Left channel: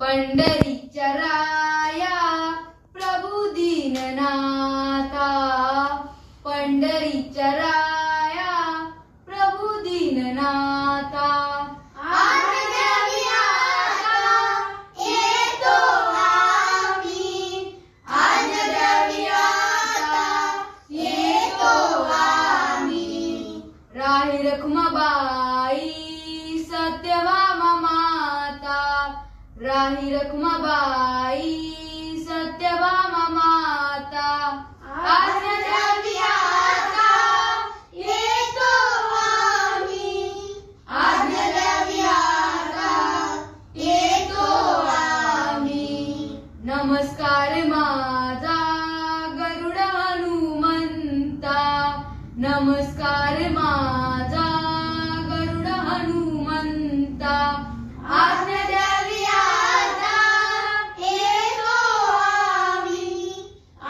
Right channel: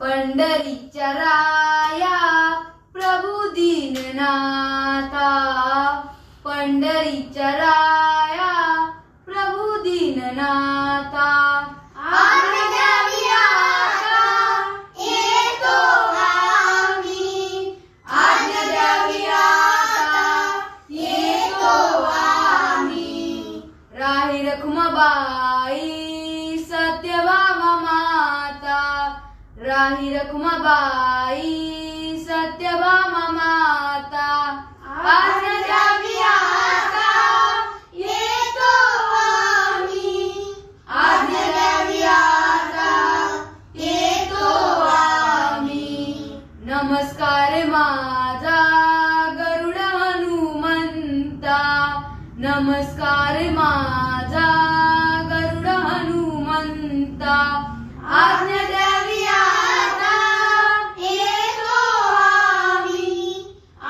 पंढरीच्या राया प्रभू दीननाथा, पंढरीच्या राया प्रभू दीननाथा। आज्ञा द्यावी आता येतो आम्ही, आज्ञा द्यावी आता येतो आम्ही। राही रखुमाबाई सत्यभामा माता, राही रखुमाबाई सत्यभामा माता। आज्ञा द्यावी आता येतो आम्ही, आज्ञा द्यावी आता येतो आम्ही। नमस्कार माझा गरुड हनुमंता, नमस्कार माझा गरुड हनुमंता। आज्ञा द्यावी आता येतो आम्ही,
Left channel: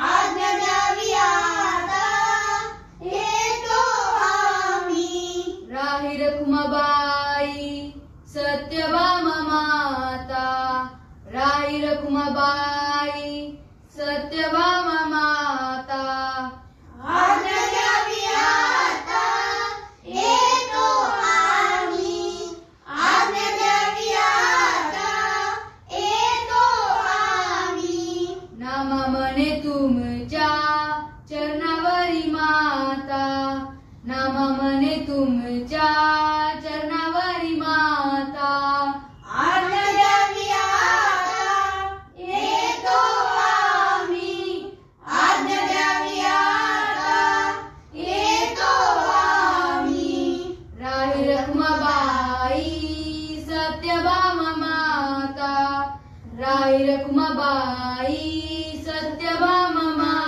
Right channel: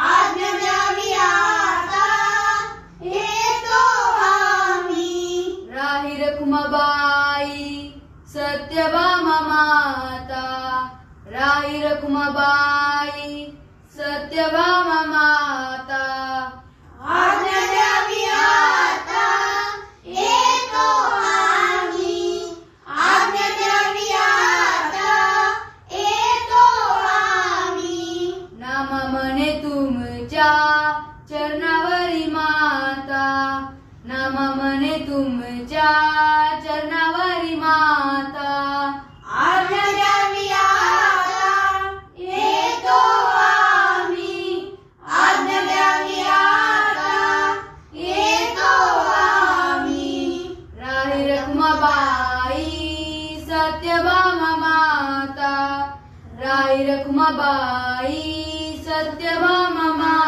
आज्ञा द्यावी आता येतो आम्ही। राही रखुमाबाई सत्यभामा माता, राही रखुमाबाई सत्यभामा माता। आज्ञा द्यावी आता येतो आम्ही, आज्ञा द्यावी आता येतो आम्ही। नाम म्हणे तुमच्या चरणावरी माता, नाम म्हणे तुमच्या चरणावरी माता। आज्ञा द्यावी आता येतो आम्ही, आज्ञा द्यावी आता येतो आम्ही। राही रखुमाबाई सत्यभामा माता, राही रखुमाबाई सत्यभामा माता।